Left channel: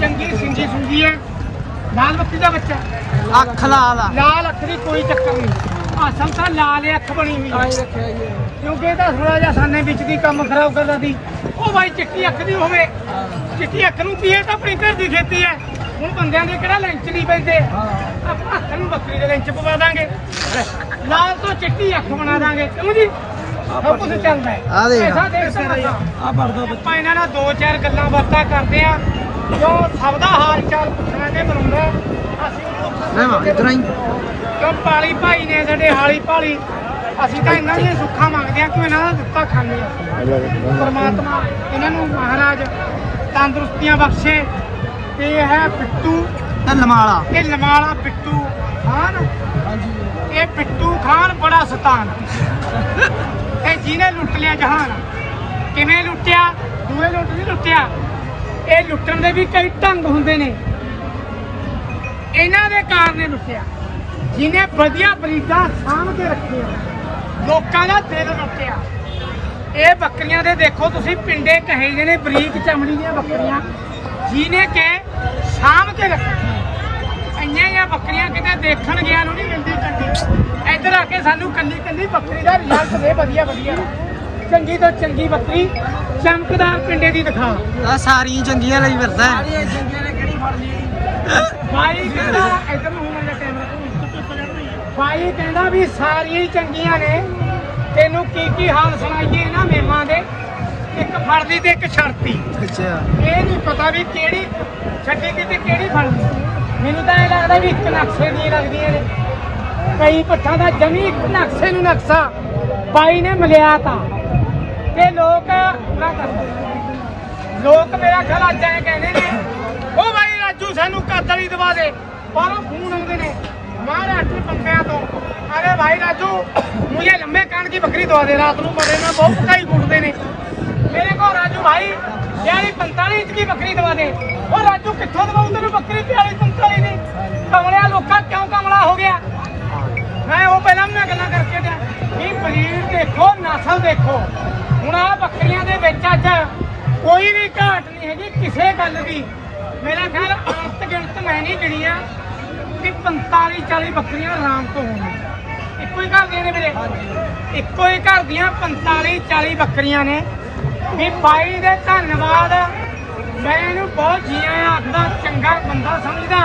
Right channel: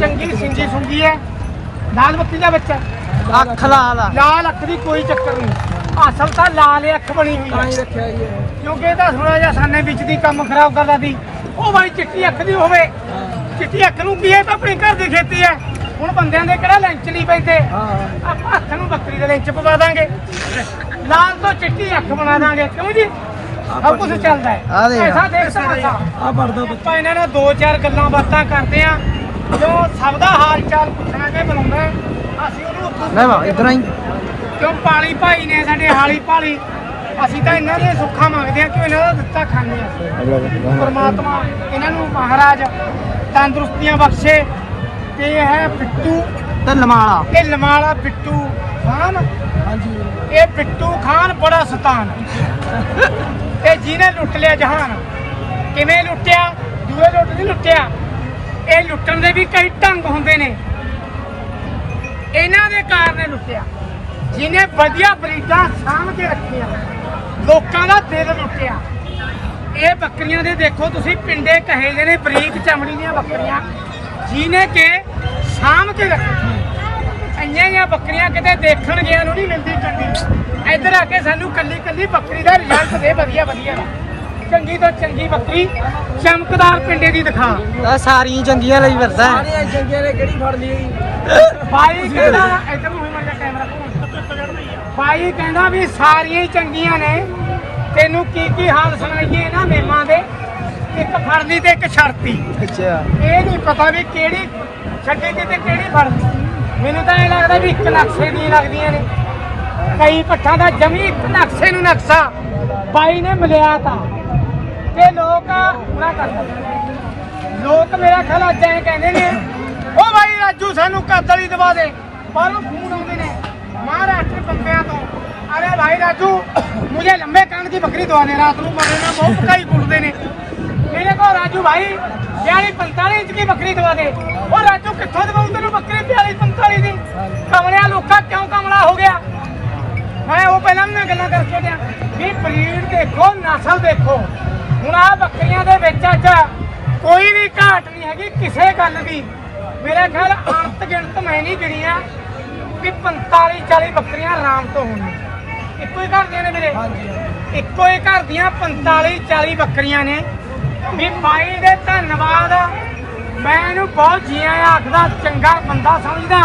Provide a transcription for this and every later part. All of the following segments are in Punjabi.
ਚੰਗੀ ਸਿੰਗੀ ਸੁੰਗੀ ਹੈ। ਲਾਲ ਬੱਕਰੀ ਦਾ ਬੱਚਾ ਅੱਖ ਲਾਲ ਆ। ਲਾਲ ਅੱਖ ਦੀ ਕੋਈ ਚੱਕਰ ਨਹੀਂ। ਅਸਲ ਤਾਂ ਲਾਲ ਹੀ ਅੱਖ ਬਣੀ ਹੋਈ ਤਾਂ ਹੀ ਹੈ ਰੱਖਿਆ ਜੀ ਇਹ। ਕਿਉਂਕਿ ਇਹ ਤਾਂ ਸੁਣਾ ਜਾਂ ਸਾਨੇ ਵਿੱਚ ਦੀ ਕੰਮ ਖਰਾਬ ਕਰਦਾ ਦੀ ਉਹ ਬਾਈ ਚਿੱਟੀ ਅੱਖ ਦੀ ਹੋਵੇ। ਹਾਂ। ਚਿੱਟੀ ਅੱਖ ਨੂੰ ਕੀ ਹੈ ਤਾਂ ਆਪਣੇ ਘਰ ਦੀ ਖੇਤੀ ਹੈ। ਹੁਣ ਬੰਦਿਆਂ ਦੇ ਕਿਹੜਾ ਲੈਂਚ ਨਹੀਂ ਪੈਂਦੇ ਹਾਂ। ਆਪਾਂ ਹੱਥ ਨੂੰ ਬੱਕਰੀ ਦੇ ਲੈਂਚ ਪਵਾ ਦਾਂਗੇ। ਲਾਲ ਤੋਂ ਚਿੱਟੀ ਅੱਖ ਬਣਾ ਦਾਂਗੇ। ਕਿਉਂ ਜੀ? ਸਭ ਕੁਝ ਚੱਲਦਾ ਹੈ। ਆਹ ਦੇਖ। ਐਸਾ ਦੇਖ ਸਕਦਾ ਆ ਪੜਦਾ ਆਪਾਂ ਇਹਨਾਂ ਨਾਲ ਦੋ ਚਾਰ ਗੱਲਾਂ ਬਾਤਾਂ ਕਰਦੇ ਆ ਕਿਉਂ ਸਭ ਦਾ ਹਾਲ ਚਾਲ ਪੁੱਛਣਾ ਤੇ ਬੁਲਾਉਂਦਾ ਹੈ। ਅਸੀਂ ਉਹਨੂੰ ਲੈ ਵਾ ਇਧਰ ਆਈ। ਕਿਉਂ ਪਾਲੀ ਭਾਈ ਨੇ ਸਾਡੇ ਹਾਲੀ ਭਾਲੀ ਅਸੀਂ ਤਾਂ ਇਹਨਾਂ ਦੀਆਂ ਸੁੱਖਾਂ ਮੰਗਦੇ ਆ ਕਿ ਇਹਨਾਂ ਦਾ ਦਿੱਤਾ ਖਾਂਦੇ ਆ ਪਰਮਾਤਮਾ ਇਹਨਾਂ ਨੂੰ ਮਹਾਰਾਜ ਤੰਦਰੁਸਤੀਆਂ ਬਖਸ਼ੇ। ਤੇ ਇਹ ਹੈ ਬਿੱਟੂ ਤੇ ਲਮਾਲਾ ਇਹ ਲਮਾਲਾ ਬਿੱਟੂ ਖਾਨ। ਹਾਂਜੀ। ਇਹ ਬਿੱਟੂ ਖਾਨ ਬੜਾ ਸਤਾਨ। ਇਹ ਜਿਹਨੇ ਲੁੱਟ ਲਿਆ ਜਹਾਨ। ਕਿਵੇਂ ਲੁੱਟਿਆ? ਦੂਏ ਲੁੱਟ ਨਹੀਂ ਲੁੱਟਿਆ। ਇਹ ਲੁੱਟਣ ਦੇ ਵੀ ਕਈ ਢੰਗ ਹੁੰਦੇ ਨੇ। ਇਹਨਾਂ ਦੇ ਕਾਰਨ ਲੁੱਟਿਆ। ਜਿਹਨੇ ਵਧੀਆ ਬਰੀਡਾਂ ਸਾਂਭ ਕੇ ਰੱਖੀਆਂ। ਲੋਕਾਂ ਦਾ ਦਿਲ ਲੁੱਟਿਆ। ਇਹ ਬੱਕਰੀਆਂ ਦੇ ਦੇਖੋ ਤੁਸੀਂ, ਪਿੰਡੇ ਕਹੇ ਜਿਹੇ ਬਰੀਕ ਚਮੜੀ ਦੀਆਂ ਬੱਕਰੀਆਂ। ਜਿਹਨੇ ਕਿ ਸਾਂਭ ਕੇ ਰੱਖੀਆਂ। ਇੰਨੀਆਂ ਜਿਹੀਆਂ ਬੱਕਰੀਆਂ ਕਿਤੇ ਦੇਖਣ ਗਿਆ ਨੂੰ ਨਹੀਂ ਮਿਲਦੀ ਚੰਗੀ। ਇੱਧਰ ਆ ਕੇ ਸਾਨੂੰ ਕੱਲੀ ਕੱਲੀ ਬੱਕਰੀ ਦਾ ਰਿਜ਼ਲਟ ਦੇ ਵਧੀਆ ਵਧੀਆ ਚੰਗੀ ਤੋਂ ਚੰਗੀ ਬੱਕਰੀ ਚਮਕਦਾਰ ਪਿੰਡੇ ਦੀ ਦਿਖਾ। ਆ ਸਾਰੀਆਂ ਚੰਗੀਆਂ ਲਈ ਫਿਰਦਾ ਹੈ। ਸਾਰੀਆਂ ਚੰਗੀਆਂ ਨੇ ਕਿਹੜੀ ਫੜ ਲਈ? ਬਾਈ ਕਹਿੰਦਾ ਇੱਧਰ ਨੂੰ ਹੋਣਾ ਕੈਮਰਾ ਬਾਈ ਕਹਿੰਦਾ ਵੀ ਸਾਰੀਆਂ ਹੀ ਚੰਗੀਆਂ ਨੇ। ਤੈਨੂੰ ਕੀ ਕੀ ਹਾਲ ਸੁਣਾਈਏ ਇਹਨਾਂ ਮੇਮਾਂ ਦੇ? ਇੱਕ ਫੜ ਲਈ ਤੇ ਇੱਕ ਛੜਤੀ ਅੱਛਾ। ਇਹ ਨਹੀਂ ਪਤਾ ਵੀ ਕਿਹੜੀ ਛੱਡੀ ਦੀ ਤੇ ਕਿਹੜੀ ਫੜ ਲਈ। ਮੈਨੂੰ ਤਾਂ ਇਹ ਲੱਗਦਾ ਵੀ ਇੱਕ ਨਕਸ਼ੇ ਦੀਆਂ ਲੱਗਦੀਆਂ ਨੇ। ਕਈ ਪੱਠਾਂ ਦਾ ਜਮੀ ਇੱਕ ਨਕਸ਼ੇ ਨੂੰ ਨਕਸ਼ਾ। ਬਾਈ ਨੇ ਮਿਲਿਆ ਤਾਂ। ਇਹ ਲੋਕ ਲੋਕ ਮੇਰਾ ਖਿਆਲ ਅੱਜ ਕਹਿੰਦੇ ਨੇ, ਉਹ ਭਾਈ ਰਾਜੂ ਸਾਨੂੰ ਕਾਤਲੀ ਦਵਾ ਦੇ ਬਾਹਰੋਂ ਫੋਨ ਆਉਂਦੇ ਨੇ, ਮਹਾਰਾਸ਼ਟਰ ਬੰਦਿਆਂ ਤੋਂ। ਅਰੇ ਭਾਈ ਰਾਜੂ, ਮੁਝੇ ਲੰਬੇ ਕਾਨ ਦੀ ਬੱਕਰੀ ਦਵਾ ਦੇ, ਰਾਤ ਨੂੰ ਮਰੇ ਨਾ ਬਹੁਤ ਪਕਾਈ ਕੁੱਟਦੇ ਨੇ। ਮੇਰੇ ਕੋ ਰਾਜੂ ਭਾਈ 40 45 ਇੰਚ ਦੀ ਬੱਕਰੀ ਦਵਾ ਦੇ। ਉਹ ਰਾਜੂ ਕਿੱਥੋਂ ਦਵਾਉਂ ਤੈਨੂੰ ਬੱਕਰੀ 40 45 ਦੀ? ਕਮਲਿਆ ਲੋਕਾਂ ਕਿਉਂ ਕਮਲਾ ਹੋ ਗਿਆ? ਮੈਂ ਉਹ ਪਹਿਲਾਂ ਮੈਂ ਗੱਲਾਂ ਕਰਕੇ ਟਿਆ ਵੀ ਬਰੀਡ ਦੇਖੋ ਨਸਲ ਦੇਖੋ। ਹੁਣ ਆ ਬੱਕਰੀਆਂ ਦੇ ਵਿੱਚ ਅੱਜ ਕੋਈ ਵੀ ਘਾਟ ਨਹੀਂ ਹੈਗੀ ਕਿਸੇ ਗੱਲ ਦੀ। ਮੇਰੇ ਖਿਆਲ ਅੰਤ ਗਿਣਤ ਮੈਂ ਨਹੀਂ ਗਿਣੀਆਂ ਵੀ 45 40 ਬੱਕਰੀਆਂ ਆਰਾਮ ਤੋਂ ਹੋਣਗੀਆਂ। ਇੱਕੋ ਹੀ ਘਰ ਦੀਆਂ ਨੇ ਮੇਰੇ? ਹਾਂਜੀ ਇੱਕੋ ਹੀ ਘਰ ਦੀਆਂ 45 40 ਬੱਕਰੀਆਂ ਨੇ। ਵੀ ਬਾਈ ਦੇ ਧੰਨਵਾਦ ਆ। ਮੈਂ ਇਹਨੂੰ ਬਹੁਤ ਜੀਆਂ ਆਖਦਾ ਚੰਗਾ ਬੰਦਾ ਸਮਝਦਾ।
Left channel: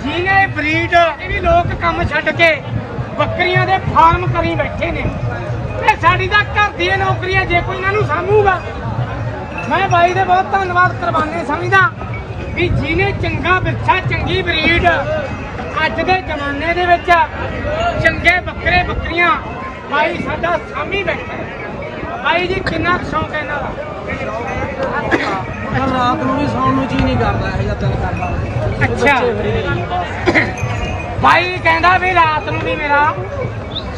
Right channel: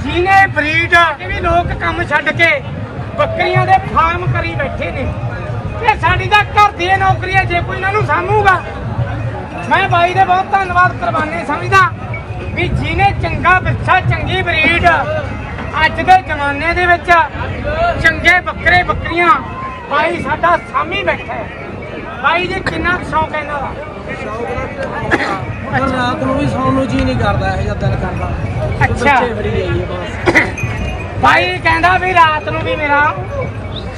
ਜਿਹਨੇ ਬਰੀਡ ਇਹ ਵੀ ਲੋਕ ਕੰਮ ਛੱਡ ਕੇ ਬੱਕਰੀਆਂ ਦੇ ਫਾਰਮ ਕਰੀ ਬੈਠੇ ਨੇ। ਤੇ ਸਾਡੀ ਤਾਂ ਘਰ ਦੀ ਇਹ ਨੌਕਰੀ ਹੈ ਜੇ ਕੋਈ ਇਹਨਾਂ ਨੂੰ ਸਾਂਭੂਗਾ। ਮੈਂ ਬਾਈ ਦਾ ਬਹੁਤ ਧੰਨਵਾਦ ਕਰਵਾਉਂਦੇ ਸਮਝਦਾ? ਵੀ ਜਿਹਨੇ ਚੰਗਾ ਵਿਰਸਾ ਚੰਗੀ ਬਰੀਡ ਅੱਜ ਦੇ ਜ਼ਮਾਨੇ ਦੇ ਵਿੱਚ ਚੰਗੇ ਬੱਕਰੇ ਬੱਕਰੀਆਂ ਬਾਈ ਸਾਡਾ ਸਾਮੀ ਬੈਠਾ ਬਾਈ ਜੀ ਕਿੰਨਾ ਸ਼ੌਂਕ ਹੈ ਇਹਨਾਂ ਦਾ? ਸ਼ੌਕ ਰਾਤ ਨੂੰ ਵੀ ਸੌਣ ਨੂੰ ਜੀ ਨਹੀਂ ਕਰਦਾ ਇਹ ਜਿਹਾ ਦਿਲ ਕਰਦਾ। ਅੱਛਾ। ਬੱਚੇ ਫਰੀ ਜਾਈਏ ਬਸ। ਬਾਈ ਕਹਿੰਦਾ ਵੀ ਰਾਤ ਨੂੰ ਵੀ ਮੇਰਾ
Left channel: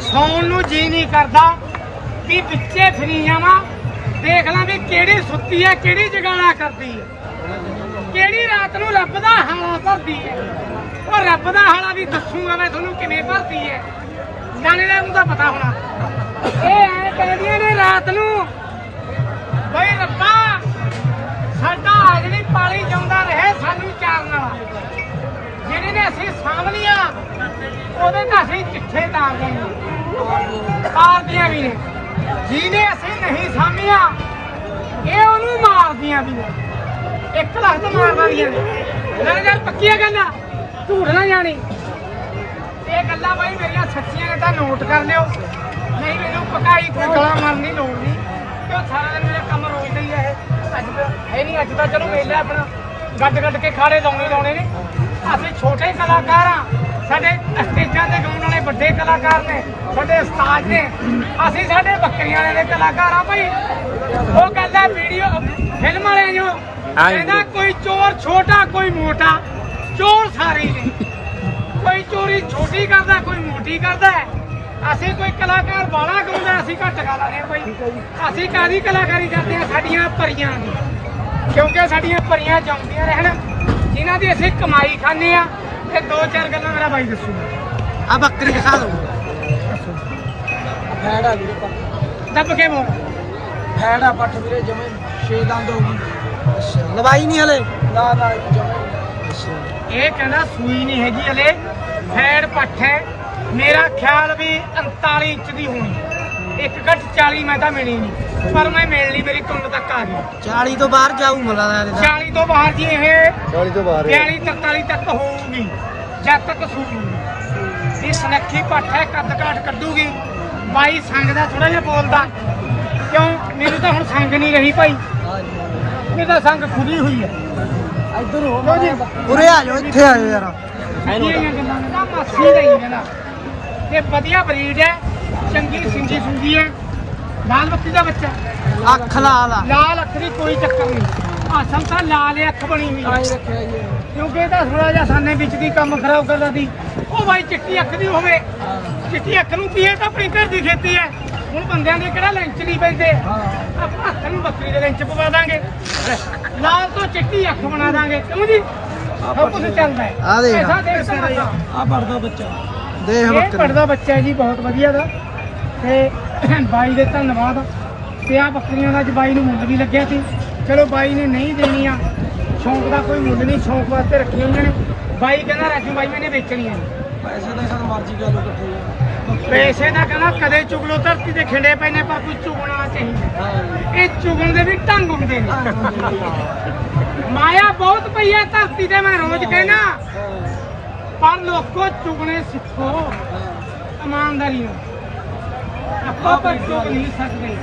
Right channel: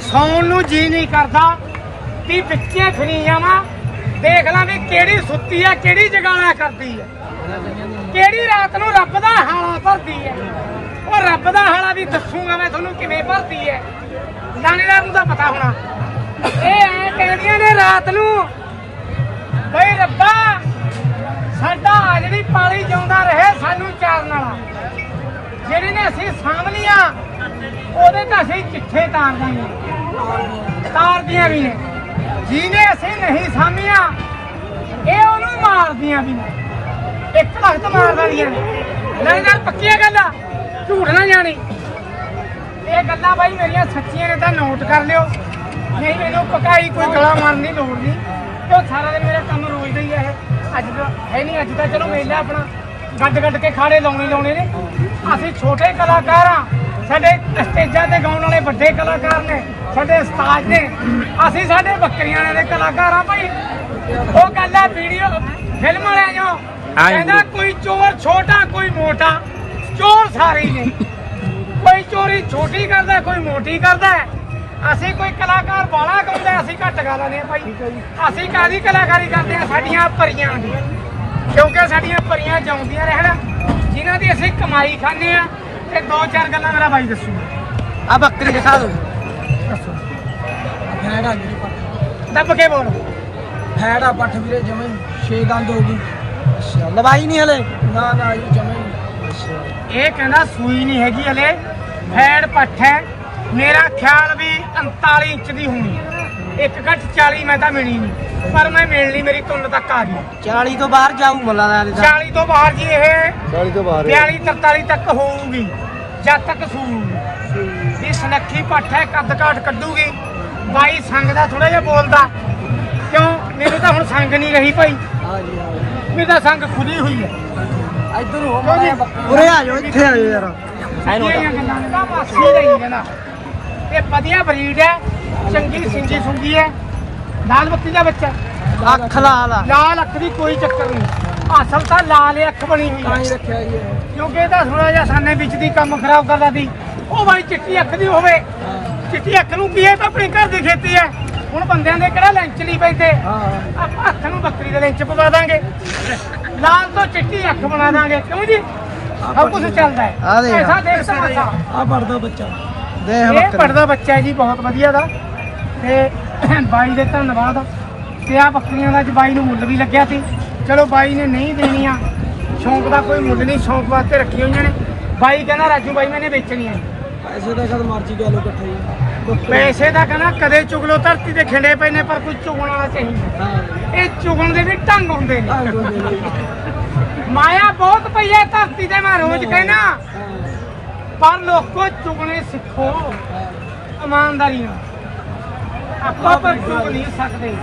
ਸੌਣ ਨੂੰ ਜੀ ਨਹੀਂ ਕਰਦਾ। ਵੀ ਵਿੱਚੇ ਫਰੀ ਜਾਵਾਂ ਦੇਖ ਲਾਂ ਵੀ ਕਿਹੜੀ ਸੁੱਤੀ ਆ ਕਿਹੜੀ ਜਗਾਲਾ ਕਰਦੀ ਹੈ ਕਿਹੜੀ ਰਾਤ ਨੂੰ ਰੱਬ ਦਾ ਹਾਲਾ ਭਰਦੀ ਹੈ ਉਹ ਰੱਬ ਦਾ ਹਾਲਾ ਵੀ ਦੱਸੂਗਾ ਮੈਂ ਤੁਹਾਨੂੰ ਕਿਵੇਂ ਭਰਦੀ ਹੈ ਲਾਣੇਦਾਰ ਨੂੰ ਤਾਂ ਪਤਾ ਹੋਣਾ। ਇਹ ਐਂ ਕਹਿੰਦੀਆਂ ਨੇ ਰਾਤ ਨੂੰ, ਬਈ ਰੱਬਾ, ਸਾਡਾ ਆ ਜਿਹੜੀ ਪਾਲੀ ਜਿਉਂਦਾ ਰਹੇ ਸਾਨੂੰ ਚਾਰਨ ਵਾਲਾ। ਜਿਹੜੇ ਨੇ ਅਸੀਂ ਸਾਂਭਲੀਆਂ, ਉਹਦੇ ਤਾਂ ਅਸੀਂ ਚਿੱਠੇ ਤਾਰ ਦਾਂਗੇ ਤਾਰਦੀਆਂ ਵੀ ਨੇ। ਜਿਹਨੇ ਅਸੀਂ ਨਹੀਂ ਸਾਂਭੀਆਂ, ਇਹ ਉਹਨੂੰ ਮਾਰਦੀਆਂ ਵੀ ਨੇ। ਇੱਕ ਲੱਖ ਤੋਂ ਮਾਰ ਦਾਂਦੀਆਂ ਨੇ। ਨਹੀਂ ਗੱਲ ਪੱਕੀਆਂ ਗੱਲਾਂ, ਝੂਠ ਨਾ ਜਾਣੀ। ਇਹ ਗੱਲਾਂ ਬਾਈ ਮੇਰੀਆਂ ਸੱਚੀਆਂ ਨੇ ਤਾਂ ਨੋਟ ਕਰ ਲਿਓ। ਨਹੀਂ ਮੈਨੂੰ ਪਕਾਈ ਕੋਈ ਗਲਾ ਮਾਰਨ ਦੀ ਲੋੜ ਨਹੀਂ। ਕਿਉਂ ਸਾਰਾ ਦਿਨ ਮੇਰਾ ਕੰਮ ਰੋਜ਼ ਦਾ ਹੀ ਹੈ ਅੱਜ ਤਾਂ ਹੈ ਨਹੀਂ, ਅੱਜ ਤਾਂ ਚਲੋ ਮੇਲਾ ਆਪਣਾ। ਗੱਡ ਗੱਡ ਕੇ ਖਾੜੇ ਲਾਉਣੇ ਲਾਉਣੇ ਨੇ। ਅਸੀਂ ਛੋਟੇ ਕਲਾਕਾਰ ਆ ਸਾਡੇ ਸਟੇਜਾਂ ਤੇ ਗਾਉਣ ਵਾਲੇ ਵੱਡੇ ਕਲਾਕਾਰ ਨੇ ਸਾਡੇ ਉਸਤਾਦ ਨੇ ਅਸੀਂ ਸਾਡੇ ਬੱਕਰੀਆਂ ਵਾਲੇ ਦੇ ਕਲਾਕਾਰ ਆ ਭਾਈ। ਉਹ ਗੱਲ ਹੈ ਵੀਡੀਓ ਫਿਲਮ ਵਾਲੇ ਜੋ ਕਹਿੰਦਾ ਕੋਈ ਚੋਰ ਛੋਟਾ ਕੋਈ ਮੋਟਾ ਚੋਰ ਸਾਰੇ ਨੇ। ਕੋਈ ਚੋਰੀ ਛੋਟੀ ਕਰਦਾ ਕੋਈ ਮੋਟੀ ਕਰਦਾ। ਅਸੀਂ ਕੋਈ ਕਲਾਕਾਰ ਬਾਲਾ ਗਾਉਂਦਾ ਅਸੀਂ ਘੱਟ ਗਾ ਲੈਂਦੇ ਆ ਭਾਈ। ਅਸੀਂ ਕਾਦੀ ਕਲਾਕਾਰੀ ਕਰਦੇ ਆ ਸਾਡੀਆਂ ਪਰੀਆਂ ਦੀ ਕਿਉਂਕਿ ਸਾਡੀਆਂ ਪਰੀਆਂ ਜਾਉਂਦੀਆਂ ਰਹਿਣ ਜਿਨ੍ਹਾਂ ਦੀ ਅਸੀਂ ਕਮਾਈ ਖਾਂਦੇ ਆ ਦੋ ਚਾਰ ਗੱਲਾਂ ਮੇਰਾ ਬਾਈ ਦੱਸੂਗਾ ਆ ਬੱਕਰੀ ਦਿਖਾ ਦੋ। ਫੈੜ ਆ ਜਿਹੜੀ ਪੱਠ ਦੱਬ ਕੇ ਬੋਲ। ਫੈੜ ਆ ਪੱਠ ਵੀਰੇ ਜਮੇ ਛੇ ਦੰਦ ਹੋ ਗਈ। ਅੱਛਾ। ਲਵਾਈ ਨਹੀਂ ਹਲੇ। ਨਾ ਨਾ ਜਮੇ ਨਹੀਂ। ਅੱਛਾ। ਇਹ ਕਹਿੰਦਾ ਸੂਈ ਨਹੀਂ ਹੈਗੀ ਹਲੇ। ਫੈੜ ਪੱਠ ਹੈ। ਮੇਰਾ ਖਿਆਲ ਵੀ 39 ਇੰਚ ਦੀ ਹੋਣੀ। ਇੱਕ ਘੱਟ 40 ਮੈਂ ਤਾਂ ਮਿਲੀ ਨਹੀਂ ਪਰ ਮੈਂ ਮਿਲ ਲਈ ਮੇਰੀ ਤੁੰਨ ਤੱਕ ਆ ਗਈ। 40 ਤੋਂ ਬਾਹਰ ਜਾਊ ਮੱਲਾ ਦਾ ਇਹਦਾ 40 ਤੋਂ ਬਾਹਰ ਜੀ ਇਹ ਬੋਲ ਤੋਂ ਬਾਹਰ। 42 43 ਤੱਕ ਹੋਊਗੀ ਜਦ ਤੱਕ ਸੂਊਗੀ। ਵੀ ਸਨੱਖੀ ਪੱਠ ਹੈ ਕੱਦ ਕਾਟ ਕੱਢੂਗੀ। ਬਾਈ ਸੰਗ ਦਾ ਥੋੜਾ ਜਿਹਾ ਬੋਲਦਾ। ਕਿਉਂ? ਮੈਨੂੰ ਤਾਂ ਹੁਣ ਸੰਗ ਨਹੀਂ ਰਹੀ ਭਾਈ। ਹਾਂ ਜੀ ਹਾਂ ਮੇਰੀ ਤਾਂ ਸੰਗ ਖੁਦੀ ਹੋਈ। ਇੱਧਰ ਨੂੰ ਹੋ ਮੈਂ ਬੱਕਰੀ। ਉਰੇ ਆ ਜਾਓ ਇੱਥੇ ਆ ਜਾਓ ਯਾਰ। ਸਾਰੀਆਂ ਗੱਲਾਂ। ਦਾ ਮਾਸੀ ਦਾ ਹੀ ਕਹਿੰਦਾ ਤੇ ਵਧੀਆ ਬਰੀਡ ਹੈ। ਚੰਗੀ ਸਿੰਗੀ ਸੁੰਗੀ ਹੈ। ਲਾਲ ਬੱਤੀ ਦਾ ਬੱਚਾ ਅੱਖ ਲਾਲ ਆ। ਲਾਲ ਅੱਖ ਦੀ ਕੋਈ ਚੱਕਰ ਨਹੀਂ। ਅਸਲ ਤਾਂ ਲਾਲ ਅੱਖ ਬਣੀ ਹੋਈ ਤਾਂ ਹੈ ਹੀ ਰੱਖਿਆ ਜੀ ਇਹ। ਕਿਉਂਕਿ ਇਹ ਤਾਂ ਥੋੜਾ ਜਿਹਾ ਸਾਨੇ ਵਿੱਚ ਦੀ ਕੰਮ ਖਰਾਬ ਕਰਦਾ ਦੀ ਉਹ ਬਾਈ ਚਿੱਟੀ ਅੱਖ ਦੀ ਹੋਵੇ। ਹਾਂ। ਚਿੱਟੀ ਅੱਖ ਨੂੰ ਕੀ ਹੈ? ਤਾਂ ਆਪਣੇ ਘਰ ਦੀ ਖੇਤੀ ਹੈ। ਹੁਣ ਬੰਦਿਆਂ ਦੇ ਕਿਹੜਾ ਲੈਂਚ ਨਹੀਂ ਪੈਂਦੇ। ਹਾਂ। ਆਪਾਂ ਹੱਥ ਨੂੰ ਬੱਕਰੀ ਦੇ ਲੈਂਚ ਪਵਾ ਦਾਂਗੇ। ਲਾਲ ਤੋਂ ਚਿੱਟੀ ਅੱਖ ਬਣਾ ਦਾਂਗੇ। ਕਿਉਂ ਜੀ? ਸਭ ਕੁਝ ਚੱਲਦਾ ਹੈ। ਆਹ ਦੇਖ। ਪੈਸਾ ਆ ਪੜਦਾ ਬੱਚਾ। ਦੇਖ ਇਹ ਬੱਕਰੀ। ਪੜਦਾ ਬੱਚਾ ਹੈ ਜੀ ਬਹੁਤ ਵਧੀਆ ਦਾ। ਤੇ ਬਾਈ ਦੇ ਧੰਨਵਾਦ। ਤੇ ਆ ਬੱਕਰੀਆਂ ਦਾ ਅੱਜ ਬਾਈ ਨੂੰ ਮੁੱਲ ਵੀ ਲੱਗਿਆ ਸੀ। ਚਲੋ ਬਾਈ ਨੇ ਨਹੀਂ ਦੇਣੀਆਂ। ਸ਼ੌਂਕ ਦਾ ਕੋਈ ਮੁੱਲ ਨਹੀਂ ਸ਼ੌਂਕ ਵਾਸਤੇ ਰੱਖੀ ਹੋਈਆਂ ਨੇ। ਬਾਈ ਕਹਿੰਦਾ ਰਾਜੂ ਬਾਈ ਮੈਨੇ ਵੇਚਣੀਆਂ ਨੇ। ਪੈਸੇ ਦਾ ਕਦ ਮਰਜ਼ੀ ਗਾ ਲੋ ਇਕੱਠੇ ਪੈਸੇ ਦਾ ਕਹਿੰਦਾ ਕਦੇ ਚੁਗਲੋ ਧਰਤੀ ਤੇ ਖਿੰਡੇ ਪਏ ਨੇ ਪਰ ਕੋਈ ਚੁਗਣ ਵਾਲਾ ਚਾਹੀਦਾ ਹਾਂ। ਇਹ ਚੁਗਣ ਦੇ ਵੀ ਢੰਗ ਹੁੰਦੇ ਨੇ। ਢੰਗ ਹੁੰਦੇ ਨੇ। ਮਾਇਆ ਬਹੁਤ ਪਈ ਹੈ ਧਰਤੀ ਤੇ ਮੈਂ ਰੋਜ਼ ਕਹਿਣਾ। ਹਾਂ। ਪਰ ਲੋਕੋ ਚੁਗਣੇ ਸਿੱਖੋ। ਹਾਂ। ਇਮਾਨਦਾਰੀ ਨਾਲ। ਆਪਾਂ ਨਹੀਂ ਸਕਦੇ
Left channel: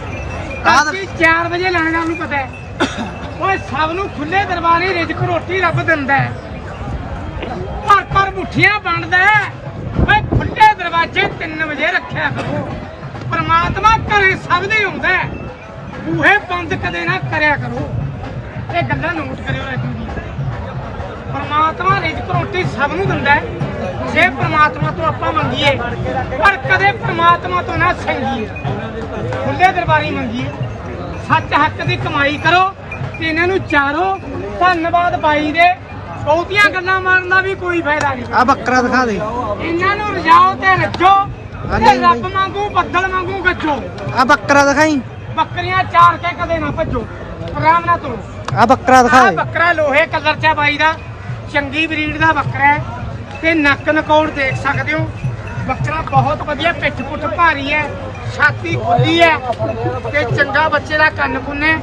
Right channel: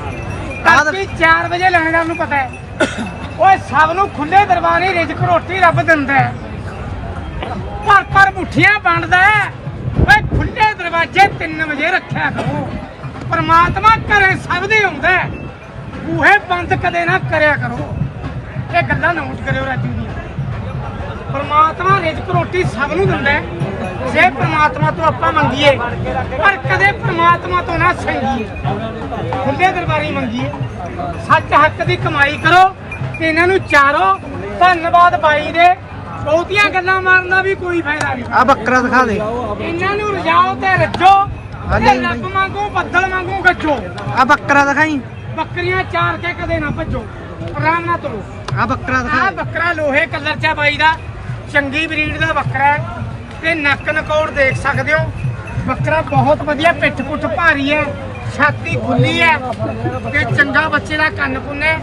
ਆਹ ਤਾਂ- 4 ਵਜੇ ਲੈਣਦਾਰ ਨੂੰ ਪਤਾ ਹੈ। ਓਏ, ਸਭ ਨੂੰ ਖੁੱਲੇ ਦਰਬਾਰੇ ਰਿਜ਼ਕ ਰੋਟੀ ਰੱਬ ਦਿੰਦਾ ਹੈ। ਪਰ ਪਰ ਮੁੱਠੀਆਂ ਵੰਡਦਾ ਹੈ। ਓਏ ਖੁੱਲੇ ਦਰਵਾਜ਼ੇ 3 ਵਜੇ ਰੱਖਿਆ ਕਰੋ। ਪਰਮਾਤਮਾ ਘਰੇ ਸਭ ਦੇ ਹੁੰਦਾ ਹੈ। ਬੂਹੇ ਬੰਦ ਕਦੇ ਨਾ ਕਰਿਆ ਕਰੋ। ਇਹ ਗੱਲਾਂ ਨੋਟ ਕਰਿਓ ਰਾਜੂ ਦੀ ਪਰਮਾਤਮਾ ਰਿਜ਼ਕ ਰੋਟੀ ਸਭ ਨੂੰ ਦਿੰਦਾ ਹੈ। ਜੇ ਪਰਮਾਤਮਾ ਤੋਂ ਆਪਾਂ ਮੰਗੀਏ ਪਰ ਕਦੇ ਪਰਮਾਤਮਾ ਤੋਂ ਨਾ ਸੰਗੀਏ ਖੁੱਲੇ ਦਰਬਾਰੀ ਮੰਗੀਏ। ਸੱਚ ਹੱਕ ਦੀ ਕਮਾਈ ਕਰੋ ਤੇ ਇਹਨਾਂ ਨੂੰ ਚਾਰੋ। ਧੰਨਵਾਦ ਬਾਈ ਦੇ। ਬਹੁਤੀਆਂ ਗੱਲਾਂ ਮਾਰਨ ਦਾ ਵੀ ਕੋਈ ਫਾਇਦਾ ਨਹੀਂ। ਆ ਬੱਕਰਾ ਦਿਖਾ ਦੇ। ਇਹਨਾਂ ਨੂੰ ਰਜਾਓ ਤੇ ਰੱਜੋ ਆ ਤੇ। ਰੱਬ ਵਾਂਗੂ ਬੱਦਲ ਵਾਂਗੂ ਗੱਜੋ। ਆ ਬੱਕਰਾ ਦਿਖਾਈ। ਬੱਕਰੀਆਂ ਚਾਰ ਕੇ ਕਦੇ ਨਾ ਭੱਜੋ। ਆਰਾਮ ਨਾਲ ਤੁਰੋ। ਆ ਬੱਕਰਾ ਦਿਖਾ ਦੇ। ਬੱਕਰਾ ਲੋਹੇ ਕਲਰ ਚ ਆ ਬਾਈ ਦਾ। ਚੰਗੀ ਬਰੀਡ ਦਾ ਬੱਕਰਾ ਹੈ। ਤੇ ਨੱਕ ਨਕੌੜ ਦੇਖ ਸਕਦੇ ਹੋ। ਬੱਕਰਾ ਬਹੁਤ ਵਧੀਆ ਪਿੱਠ ਪੁੱਠ ਭਾਰੀ ਹੈ ਛਾਤੀ ਖੁੱਲੀ ਹੈ ਤੇ ਚੰਗਾ ਬੱਚੇ ਦਾ ਕੰਨ ਕੁੰਨੇ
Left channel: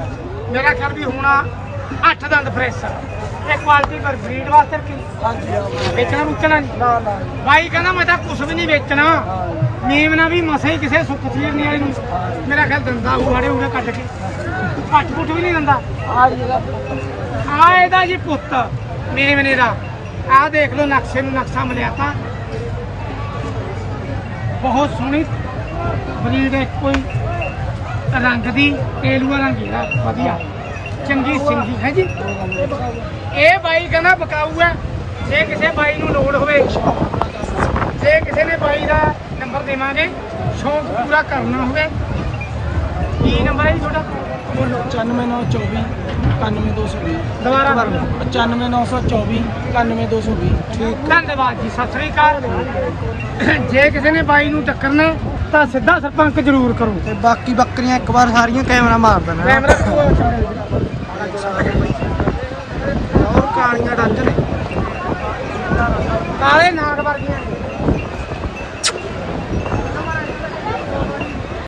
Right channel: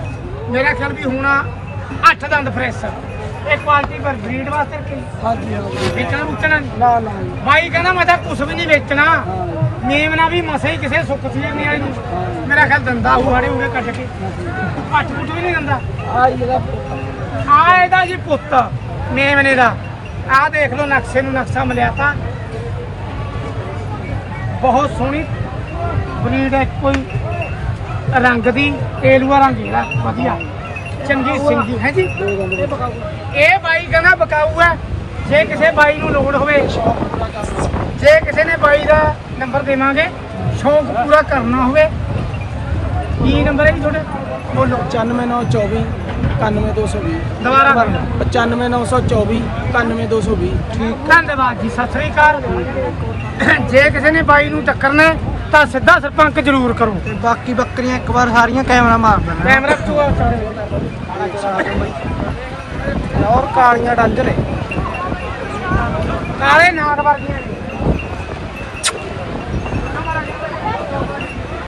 ਮੇਰਾ ਖਿਆਲ ਵੀ ਹੋਣਾ ਅੱਠ ਦੰਦ ਫਰੈਸ਼ ਇਹ ਕੁਆਲਿਟੀ ਪਰ ਬਰੀਡ ਵਾਸਤੇ ਕੀ ਹਾਂ ਜੀ ਹਾਂ ਵੇਚਣਾ ਨਹੀਂ। ਨਾ ਨਾ। ਬਾਈ ਕਹਿੰਦਾ ਮੈਂ ਤਾਂ ਕੁਝ ਵੀ ਨਹੀਂ ਵੇਚਣਾ। ਹਾਂ। ਨੀਮ ਨਾਲ ਵੀ ਮਸੇ ਹੀ ਕਿਸੇ ਸੁੱਖ ਸਲੀਰ ਨਹੀਂ ਆਈ ਨੂੰ। ਮੇਰਾ ਖਿਆਲ ਦੰਦਾ ਹੂੜੇ ਉਹਨੇ ਕੱਢ ਕੇ। ਘੱਟ ਪੁੱਟ ਵੀ ਨਹੀਂ ਦਿੰਦਾ। ਆ ਇਹਦਾ ਪੁੱਤ। ਆ ਇਹਦਾ ਜੀ ਪੁੱਤ। ਮੇਮਨੇ ਦਾ। ਆ ਦੇਖ ਲਓ ਨਕਸ਼ੇ ਨੂੰ ਨਕਸ਼ਾ ਮਿਲਿਆ ਤਾਂ। ਬਹੁਤ ਸੋਹਣੀ ਬਰੀਡ ਹੈ ਕੋਈ ਰੰਗ ਦੀ ਤੇਲੂਆ ਰੰਗ ਇਹਦਾ ਵਧੀਆ। ਚੰਗੀ ਸਿੰਗੀ ਹੈ ਜੀ? ਇਹ ਬਾਈ ਕਹਿੰਦਾ ਬਕਾਊ ਹੈ ਜੇ ਕਿਸੇ ਬਾਈ ਨੂੰ ਲੋੜ ਹੋਵੇ ਜੇ ਕਿਸੇ ਨੇ ਬਾਈ ਦਾ ਨੰਬਰ ਦੇਵਾਂਗੇ ਸ਼ੌਂਕ ਪੂਰਾ ਕਰਨਾ ਹੋਵੇ। ਕੀ ਨੰਬਰ ਹੈ ਜੀ ਤੁਹਾਡਾ? ਬੋਲੋ। 95924 91220 ਦੁਬਾਰਾ ਬੋਲੋ। 95924 91220 ਠੀਕ ਧੰਨਵਾਦ ਜੀ ਸਤਿ ਸ੍ਰੀ ਅਕਾਲ। ਜੇ ਕਿਸੇ ਨੇ ਬਾਈ ਨੂੰ ਟੱਕਰਨਾ ਹੈ, ਤਾਂ ਸਿੱਧਾ ਸਰਪੰਚ ਜ਼ਰੂਰ ਕਰੋ। ਤੇ ਬਾਕੀ ਬੱਕਰੀਆਂ ਇੱਕ ਵਾਰ ਸਾਰੀਆਂ ਕੈਮਰਾ ਮਾਰ ਦੇਣਾ। ਨਾ ਪੂਰਾ ਚੱਲੇ। ਦੇਖ ਸਕਦੇ ਹੋ ਬਾਈ। ਔਰ ਕਾਲੀਆਂ ਡੰਜ ਨੇ। ਕਾਲੇ ਨਾਗ ਵਰਗੀਆਂ